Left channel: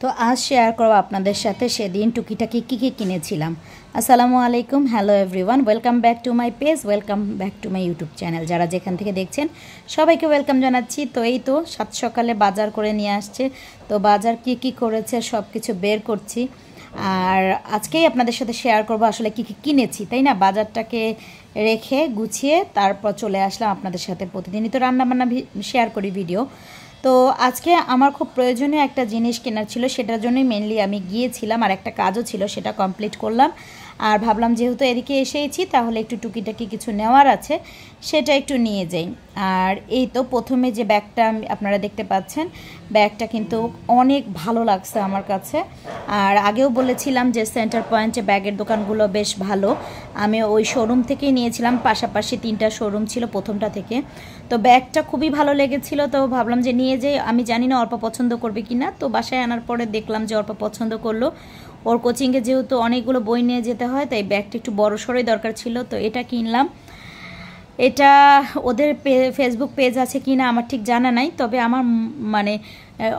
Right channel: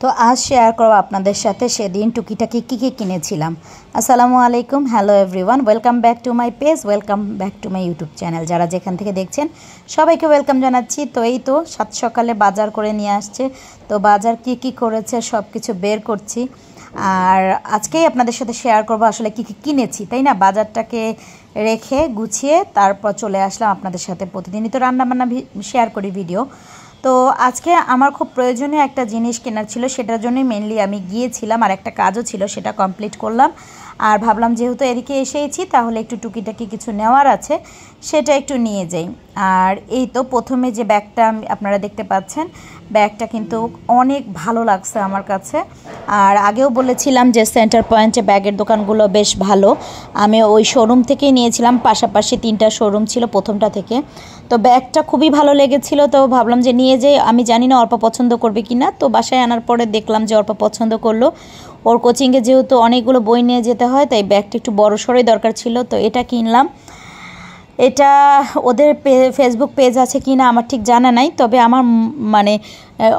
তো আজ শেয়ার করব আপনাদের সাথে সেদিন টুকিটাকি কী কিনেছিলাম। আসসালামু আলাইকুম, hello everyone, welcome back to my page, welcome back to my YouTube channel. যারা যেখান থেকে দেখছেন সবাইকে ওয়েলকাম জানাচ্ছি। তো এই তো সাত সকালে বাজার করে নিয়ে আসছে, তো বাজার কি করেছে সব কিছু বের করছি আর আজকেই আপনাদের সাথে শেয়ার করব আসলে কি কিনেছি, তাই না। বাজারটাকে রেখে গুছিয়ে তারপর চলে আসলাম আপনাদের সাথে। প্রতিদিনই তো রান্নাবান্না শেয়ার করি ভিডিও। তো আজকে আমার খুব প্রয়োজনীয় একটা জিনিস কেনার ছিল, সেটার জন্যই মেনলি আমি গিয়েছিলাম, আর একটা কাজও ছিল সেটা কমপ্লিট করলাম। আর ভাবলাম যেহেতু এদিকে এসেইছি তাহলে একটু টুকিটাকি কিছু নেওয়ার আছে, সেটা একটু নিয়ে যাই। আর এই তো প্রথমে যে ব্যাগটা আপনারা দেখতে পাচ্ছেন, ব্যাগটা কিন্তু অনেক ভালো লাগছে আমার কাছে। আর আগেও বলেছিলাম যে সেন্টার পয়েন্টে ব্যাগের দোকানগুলো বেশ ভালো, আমি ওই শোরুম থেকেই নিয়েছিলাম। পাশাপাশি 3টা শোরুম ছিল প্রথমটা থেকে। তো ব্যাগটা খুবই ভালো লেগেছিল, তো ভাবলাম যে নিয়ে যাই। আমি জানি না অর্পা পছন্দ করবে কি না, তো বাসায় আনার পরে দেখলাম যে অর্পা পছন্দ করলো। ওর কোচিংয়ে যেহেতু অনেকগুলো বই নিয়ে যেতে হয়, তাই ব্যাগটা একটু বড় সড়োই দরকার ছিল, তো এটা কিনলাম। এটা ওদের ফেসবুক পেজ আছে কি না আমার ঠিক জানা নাই, তবে আমার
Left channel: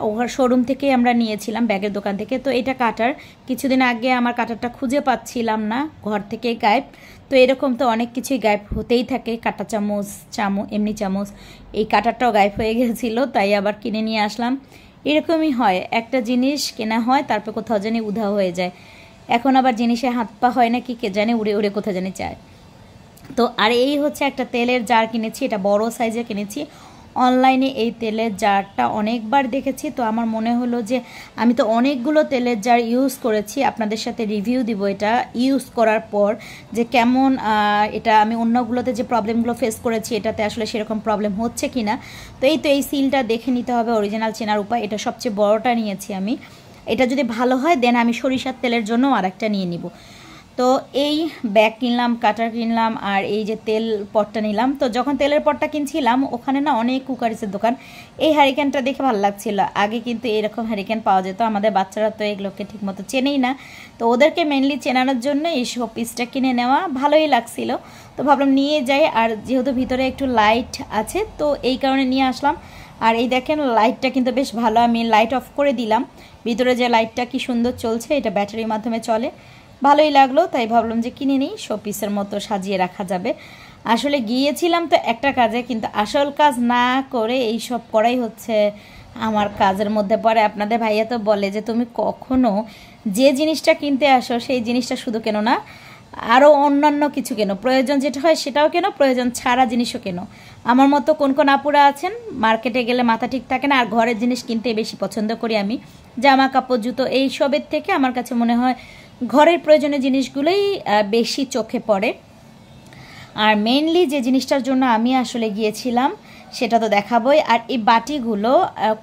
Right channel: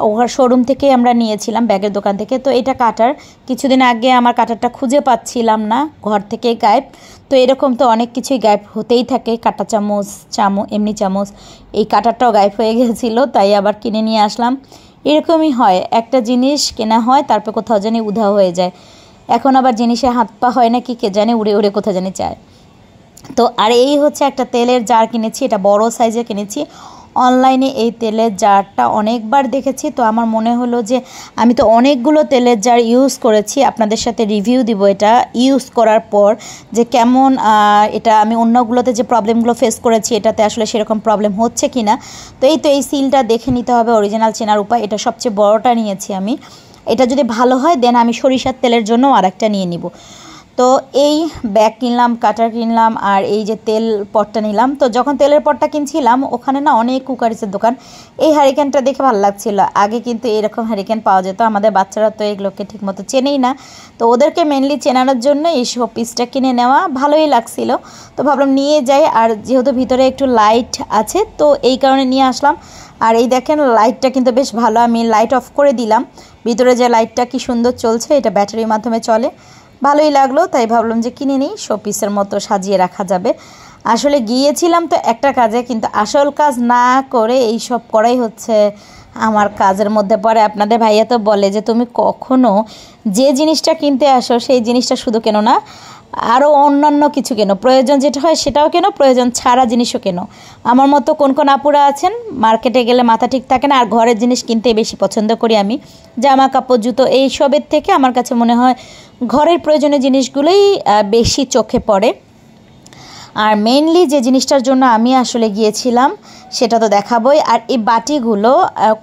ওর শোরুম থেকেই আমরা নিয়েছিলাম, ব্যাগের দোকান থেকে। তো এটা কাটার, কিছুদিন আগে আমার কাটারটা খুঁজে পাচ্ছিলাম না, ঘর থেকেই গায়েব। তো এরকম তো অনেক কিছুই গায়েব হতেই থাকে, কাঁটা চামচ, এমনি চামচ, এই কাটারটাও গায়েব হয়ে গেছিলো, তাই আবার কিনে নিয়ে আসলাম। এরকমই হয়, একটা জিনিস কেনা হয় তারপর কোথাও জানি উধাও হয়ে যায়। এখন আবার জিনিসে হাত পা হয় না কি কে জানে, উড়ে উড়ে কোথাও জানি চায়। তো আর এই হচ্ছে একটা তেলের জার কিনেছি, এটা বড় সাইজে কিনেছি। অনলাইনে এই তেলের জারটা অনেকবার দেখেছি, তো আমার মনে হলো যে আমি তো অনেকগুলো তেলের জার ইউজ করেছি, আপনাদের সাথে রিভিউ দিব এটা ইউজ করার পর যে কেমন। এটা আমি অন্যগুলোতে যে প্রবলেমগুলো ফেস করেছি এটাতে আসলে সেরকম প্রবলেম হচ্ছে কি না। তো এই সিলটা দেখে নিতে হবে, অরিজিনাল চেনার উপায়। এটা সবচেয়ে বড়টা নিয়েছি আমি। এটা যদি ভালো হয় দেন আমি সরিষার তেলের জন্য আরেকটা নিয়ে নিব। তো এই ব্যাগ কিনলাম, কাটার কিনলাম, আর এই যে তেল পটটা নিলাম। তো যখন তেলের পটটা কিনছিলাম ওখানে না অনেক কুকারিসের দোকান, এই হ্যারিকেনটা দেখে ভালো লাগছিল। আগে কিন্তু এরকম হ্যারিকেন পাওয়া যেত, আমাদের বাচ্চারা তো এগুলোকে ঠিকমতো চেনেই না, তো ওদেরকে মেনলি চেনানোর জন্য এই শোপিসটা কিনে নেওয়া ভালোই লাগছিল। তো ভাবলাম নিয়ে যাই, আর যেহেতু ভিতরে একটু লাইট আছে তো এই কারণে নিয়ে আসলাম। আর এই দেখেন লাইটটা কিন্তু বেশ ভালো, আমি লাইট অফ করে দিলাম। ভিতরে যে লাইটটা কি সুন্দর চলছে, এটা ব্যাটারির মাধ্যমে চলে, ভালোই লাগলো, তাই ভাবলাম যে কিনে নিই, শোপিসের মতো সাজিয়ে রাখা যাবে। আসলে গিয়েছিলাম তো একটা কাজে, কিন্তু আসল কাজ না করে এই সব করাই হচ্ছে আমার কাজের মধ্যে পড়ে। আপনাদের ভাইয়া তো বলে যে তুমি কখনো যে জিনিসটা কিনতে আসো সেই জিনিসটা শুধু কেনো না, আরও অন্যান্য কিছু কেনো, প্রয়োজন যেটা হয় সেটাও কেনো, প্রয়োজন ছাড়া জিনিসও কেনো। আমার মতো কোন আপুরা আছেন মার্কেটে গেলে মাথা ঠিক থাকে না, আর ঘরের জিনিস কিনতে বেশি পছন্দ করি আমি, জামা কাপড় জুতো এইসবের থেকে আমার কাছে মনে হয় ঘরের প্রয়োজনীয় জিনিসগুলোই বেশি চোখে পড়ে। আর মেইনলি যে জিনিসটার জন্য আমি আসলে গিয়েছিলাম সেটা তো দেখাবই। আর এই বাটিগুলো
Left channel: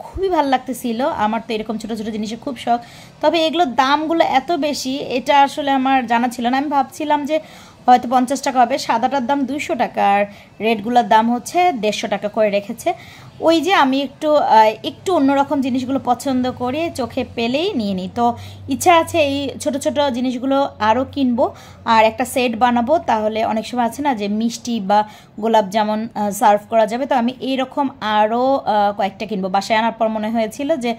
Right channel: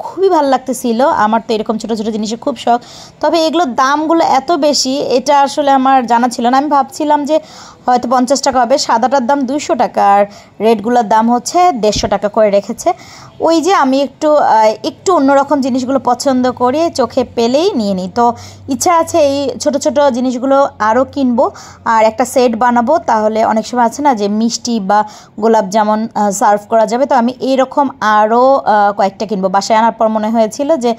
খুবই ভালো লাগতেছিল, আমার তো এরকম ছোটো ছোটো জিনিসের খুব শখ, তবে এগুলোর দামগুলো এত বেশি এটা আসলে আমার জানা ছিল না। আমি ভাবছিলাম যে হয়তো 50 টাকা হবে, সাদাটার দাম 200 টাকা, আর রেডগুলোর দাম হচ্ছে 150 টাকা করে রেখেছে। ওই যে আমি একটু অন্যরকম জিনিসগুলো পছন্দ করি, চোখে পেলেই নিয়ে নিই। তো ইচ্ছা আছে এই ছোট ছোট জিনিসগুলো আরও কিনবো, আর একটা সেট বানাবো, তাহলে অনেক সময় আছে না যে মিষ্টি বা গোলাপ জামুন সার্ভ করা যাবে। তো আমি এইরকম আরও কয়েকটা কিনবো। বাসায় আনার পর মনে হয়েছিল যে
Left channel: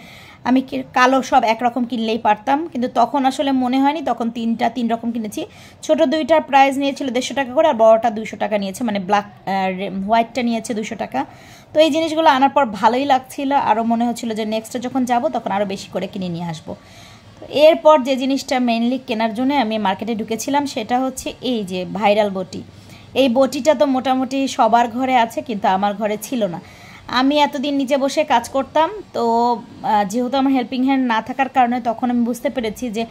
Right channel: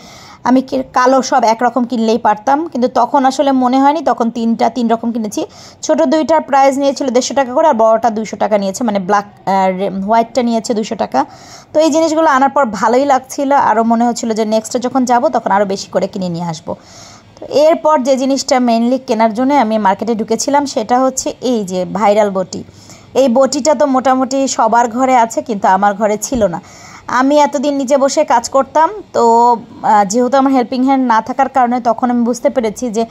আমি কালো সব একরকম কিনলেই পারতাম, কিন্তু তখন আসলে মনে হয়নি, তখন 3 রকম কিনেছি। ছোটো 2টার প্রাইস নিয়েছিল 150 টাকা করে, আর বড়টা 200 টাকা নিয়েছে, মানে ব্ল্যাক হোয়াইটটা নিয়েছে 200 টাকা। তো এই জিনিসগুলো আনার পর ভালোই লাগছিল, আরও মনে হচ্ছিলো যে নেক্সটে যখন যাব তখন আরও বেশি করে কিনে নিয়ে আসবো। তো এরপর যে জিনিসটা মেনলি কেনার জন্য আমি মার্কেটে ঢুকেছিলাম সেটা হচ্ছে এই যে ভাইরাল বটি। এই বটিটা তো মোটামুটি সবার ঘরে আছে, কিন্তু আমার ঘরে ছিল না। আমি এতদিন নিচে বসে কাজ করতাম, তো যেহেতু আমার হেল্পিং হ্যান্ড না থাকার কারণে তখন আমি বুঝতে পেরেছি যে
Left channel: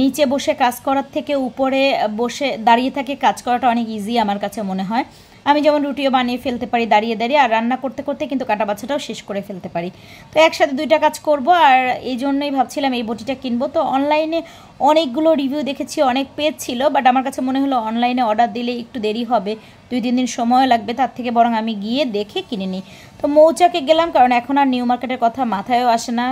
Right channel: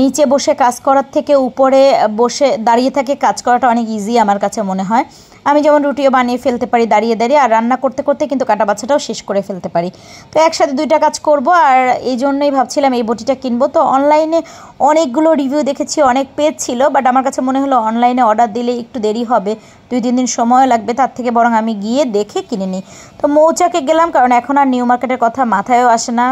নিচে বসে কাজ করার থেকে উপরে বসে দাঁড়িয়ে থেকে কাজ করাটা অনেক ইজি আমার কাছে মনে হয়। আমি যেমন রুটিও বানিয়ে ফেলতে পারি দাঁড়িয়ে দাঁড়িয়ে, আর রান্না করতে করতে কিন্তু কাটা বাছাটাও শেষ করে ফেলতে পারি। তো একসাথে 2টা কাজ করব, আর এই জন্যই ভাবছিলাম এই বটিটা কিনবো। তো অনলাইনে অনেকগুলো রিভিউ দেখেছি, অনেক পেজ ছিল, বাট আমার কাছে মনে হলো অনলাইনে অর্ডার দিলে একটু দেরি হবে, 2-3 দিন সময় লাগবে, তার থেকে বরং আমি গিয়ে দেখে কিনে নিই। তো মৌচাকে গেলাম, কারণ এখন আর নিউ মার্কেটের কথা মাথায়ও আসে না,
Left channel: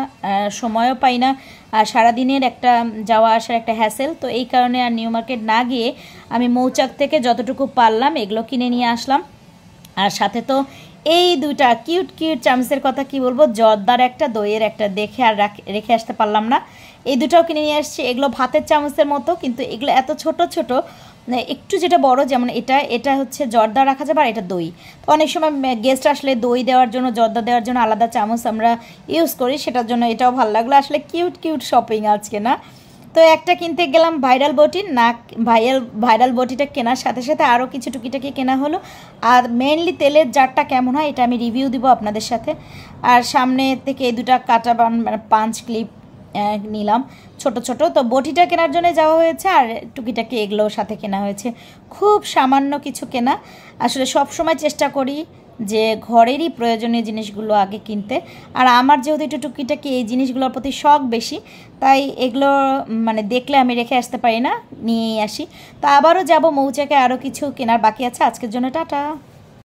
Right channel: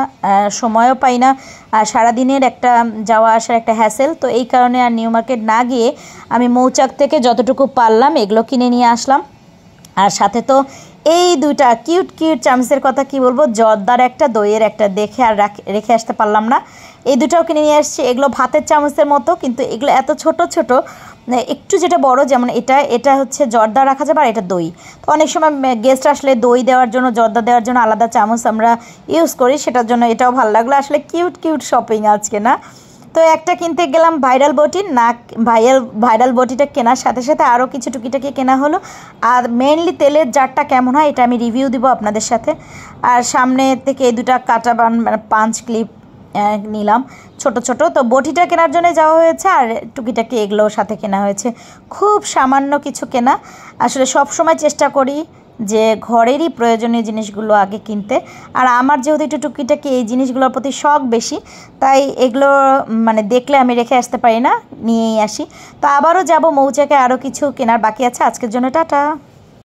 সময়ও পাই না, আর সারাদিনের একটা যাওয়া আসার একটা হ্যাসেল। তো এই কারণে আর নিউ মার্কেট না গিয়ে আমি মৌচাক থেকে যতটুকু পারলাম এগুলো কিনে নিয়ে আসলাম। আর সাথে তো এই দুইটা কিউট কিউট চামচের কথা কি বলবো, জর্দার একটা দইয়ের একটা, দেখে আর রেখে আসতে পারলাম না। এই দুটাও কিনে নিয়ে আসছি। এগুলো ভাতের চামচের মতো, কিন্তু এগুলো এত ছোট ছোট, একটু যেটা বড়, যেমন এটা হচ্ছে জর্দা রাখা যাবে আর এটা দই। তো অনেক সময় গেস্ট আসলে দই দেওয়ার জন্য, জর্দা দেওয়ার জন্য আলাদা চামচ আমরা ইউজ করি, সেটার জন্য এটাও ভালো লাগলো। আসলে কিউট কিউট শপিং আজকে না। তো একটা কিনতে গেলাম ভাইরাল বটি, না ভাইরাল বটিটা কেনার সাথে সাথে আরও কিছু টুকিটাকি কেনা হলো। আর মেনলি তেলের জারটা কেমন হয় এটা আমি রিভিউ দিব আপনাদের সাথে। আর সামনে থেকে এই দুটা কাটা পাঞ্চ ক্লিপ নিলাম ছোট ছোট। তো বটিটা কেনার জন্য যাওয়া হয়েছে, আর টুকিটাকি এগুলোর সাথে কেনা হয়েছে। খুব সামান্য কিছু কেনা। আসলে সব সময় চেষ্টা করি যে ঘরেরই প্রয়োজনীয় জিনিসগুলো আগে কিনতে। আর আমার যেহেতু একটু টুকিটাকি এই জিনিসগুলোর প্রতি শখ বেশি, তাই এগুলো মানে দেখলে আমি রেখে আসতে পারি না, নিয়েই আসি। তো আবারও যাব মৌচাকে, আরও কিছু কেনার বাকি আছে। আজকের জন্য টাটা।